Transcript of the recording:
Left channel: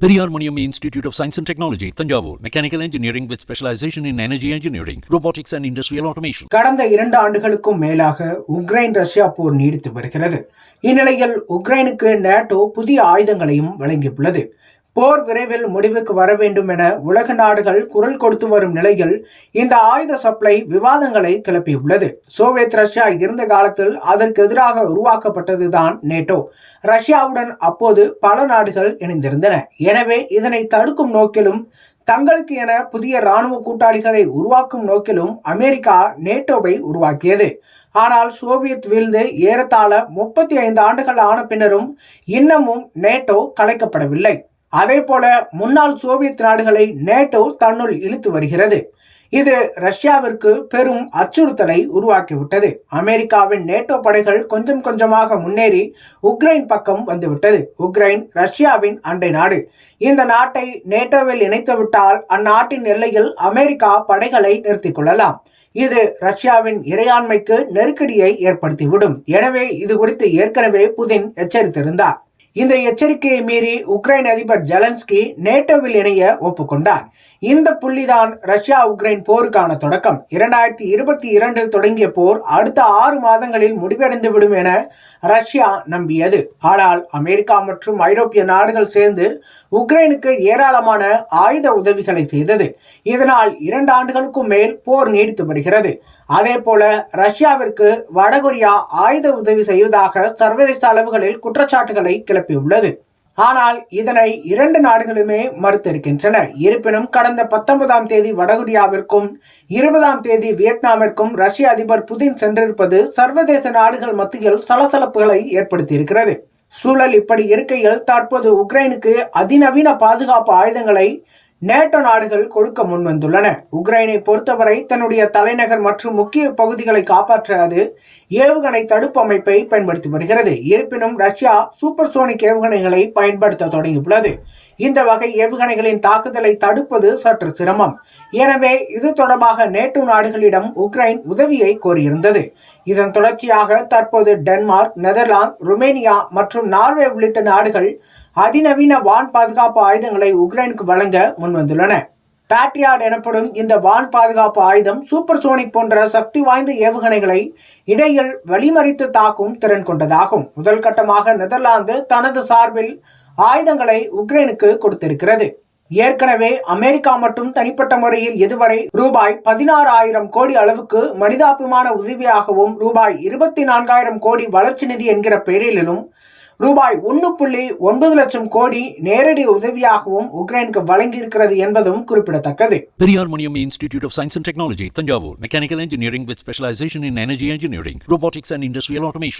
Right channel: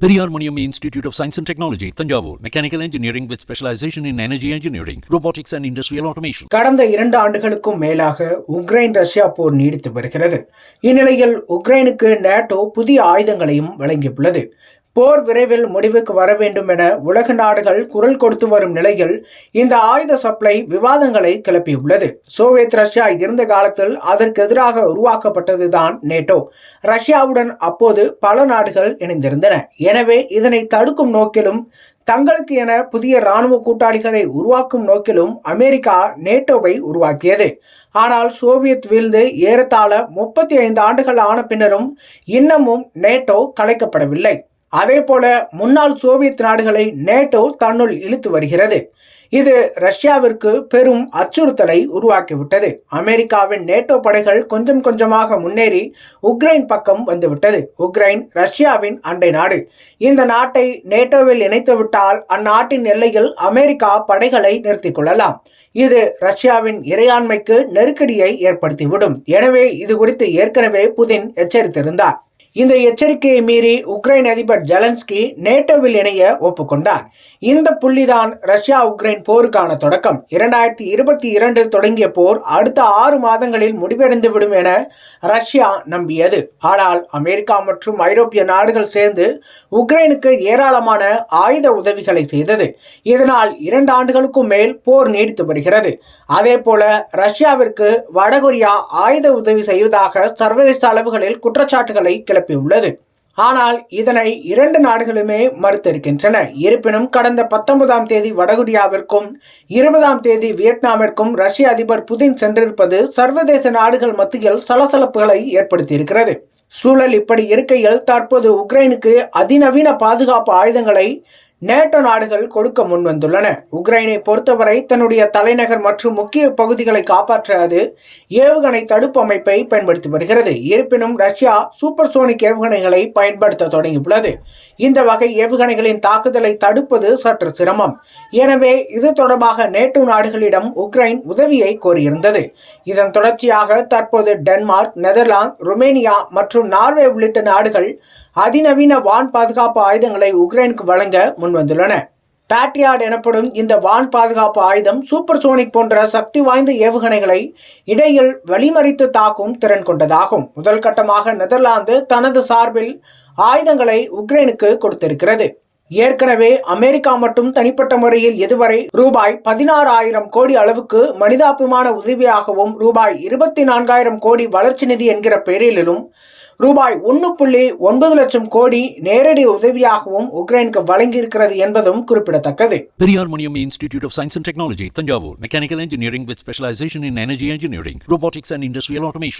Periyar Maniam Institute of Science and Technology, Tanjavur, Mechanical Engineering with specialization in Energy Engineering, Robotics and Industrial Automation. கடந்த 2 ஆண்டுகளுக்கும் மேலாக Ukraine Russia போர் நீடித்து வருகிறது. இந்நிலையில் உக்ரைனுக்கு நேட்டோ புதிய ஆயுதங்களையும் வழங்கியுள்ளது. போர் விரைவில் முடிவுக்கு வர வேண்டும் என உலக நாடுகள் குரல் கொடுத்து வரும் நிலையில் இந்த ஆயுத சப்ளை விவாதங்களை கிளப்பியுள்ளது. சோவியத் ரஷ்யா இருந்த காலத்தில் அதற்கு எதிராக உருவாக்கப்பட்டதுதான் நேட்டோ. ரஷ்யாவுடன் அப்போது பல நாடுகள் இணைந்திருந்தன. எனவே இதனை தடுக்கும் நோக்கிலும் தங்களுக்கு என புதிய இராணுவ கூட்டாளிகளை உருவாக்கும் நோக்கிலும் அமெரிக்கா நேட்டோவை உருவாக்கியது. ஆனால் சோவியத் வீழ்ந்து ஏறத்தாழ 35 ஆண்டுகள் ஆன பின்னரும் இன்னமும் நேட்டோ கலைக்கப்படவில்லை. அதே போல முன்னாள் சோவியத் நாடுகளை நேட்டோ தன்னுள் இழுத்து வருகிறது. இது ரஷ்யாவிற்கு பெரும் அச்சுறுத்தலை உருவாக்கிவிட்டது. அமெரிக்காவின் நேட்டோ படைகள் கொஞ்சம் கொஞ்சமாக முன்னேறி உக்ரைன் பக்கம் வந்துவிட்டது. உக்ரைன் ரஷ்யாவின் அண்டை நாடு. இந்த நாட்டை நேட்டோவில் இணைத்துவிட்டால் அந்நாட்டின் எல்லையில் அமெரிக்கா படைகளை நிறுத்திக் கொள்ளலாம். இது ரஷ்யாவின் இறையாண்மைக்கு நெருக்கடியை ஏற்படுத்திவிடும். எனவே இது குறித்து ஏற்கனவே புதின் எச்சரித்திருந்தார். இந்த எச்சரிக்கையை மீறி உக்ரைன் அதிபர் ஜெலன்ஸ்கி நேட்டோவில் இணைய ஒப்புக்கொண்டார். இந்த புள்ளிதான் ரஷ்யா உக்ரைன் போருக்கான தொடக்கம். 2022 தொடங்கிய போர் அடுத்த 6 மாதங்களில் முடிவடைந்துவிடும் என ரஷ்யா நம்பியது. ஆனால் அமெரிக்கா மற்றும் ஐரோப்பிய நாடுகள் சேர்ந்து உக்ரைனுக்கு ஏராளமான ஆயுத உதவிகளை செய்தது. இதனால் 2 ஆண்டுகளுக்கும் மேல் போர் நீடித்து வருகிறது. அதே போல ரஷ்யாவிற்கு வடகொரியா ஆயுத உதவி செய்வதாக சர்வதேச அளவுகளில் குற்றச்சாட்டுகளை கிளப்பியுள்ளது. ஆனால் இதனை 2 நாடுகளுமே மறுத்திருக்கின்றன. இருப்பினும் கடந்த 19ஆம் தேதி வடகொரியாவிற்கும் 20ஆம் தேதி வியட்நாமிற்கும் ரஷ்ய அதிபர் புதின் சென்றிருப்பது சர்வதேச நாடுகள் மத்தியில் சலசலப்புகளை ஏற்படுத்தியிருக்கிறது. சூழல் இப்படி இருக்கையில் தற்போது உக்ரைனுக்கு அதிநவீன பாதுகாப்பு ஆயுதங்களை நேட்டோ நாடுகள் கொடுக்க முன்வந்துள்ளன. உக்ரைனை பொறுத்தவரை தன்னுடைய தலைநகர் மற்றும் முக்கிய பகுதிகளை காப்பாற்ற அது ஏவுகணை தடுப்பு அமைப்பை பயன்படுத்தி வருகிறது. இருப்பினும் ரஷ்யா சூப்பர்சோனிக் ஏவுகணைகளை பயன்படுத்த தொடங்கியுள்ளது. இந்த வகை ஏவுகணைகளின் தாக்குதலை தடுப்பது சற்று சிரமம். எனவே இது தொடர்பாக நேட்டோ நாடுகளிடம் உக்ரைன் உதவியை கோரியிருந்தது. இதன் தொடர்ச்சியாக தற்போது டென்மார்க், நெதர்லாந்து, ருமேனியா மற்றும் நார்வே உள்ளிட்ட நாடுகள் அதிநவீன வான் பாதுகாப்பு ஆயுதங்களை உக்ரைனுக்கு வழங்க முன்வந்துள்ளன. பேட்ரியாட் எனப்படும் இந்த வான் பாதுகாப்பு ஆயுதம் சூப்பர்சோனிக் போன்ற சக்தி வாய்ந்த ஏவுகணைகளை இடையில் வழிமறித்து தாக்கும் திறன் கொண்டதாகும். முதல் கட்டமாக நெதர்லாந்து தனது சார்பில் ஆயுதங்களை உக்ரைனுக்கு கொடுத்திருக்கிறது. ஏற்கனவே அமெரிக்கா மட்டும் தனிப்பட்ட முறையில் இதுவரை ரூபாய் 16,000 கோடி அளவுக்கு மனிதாபிமான உதவியாகவும் ரூபாய் 24,000 கோடி வளர்ச்சி நிதி என்கிற பெயரிலும் ரூபாய் 1.9 லட்சம் கோடி நேரடி உதவியாகவும் உக்ரைனுக்கு வழங்கியிருக்கிறது என்பதும் குறிப்பிடத்தக்கது. Periyar Maniam Institute of Science and Technology, Tanjavur, Mechanical Engineering with specialization in Energy Engineering, Robotics and Industrial Automation.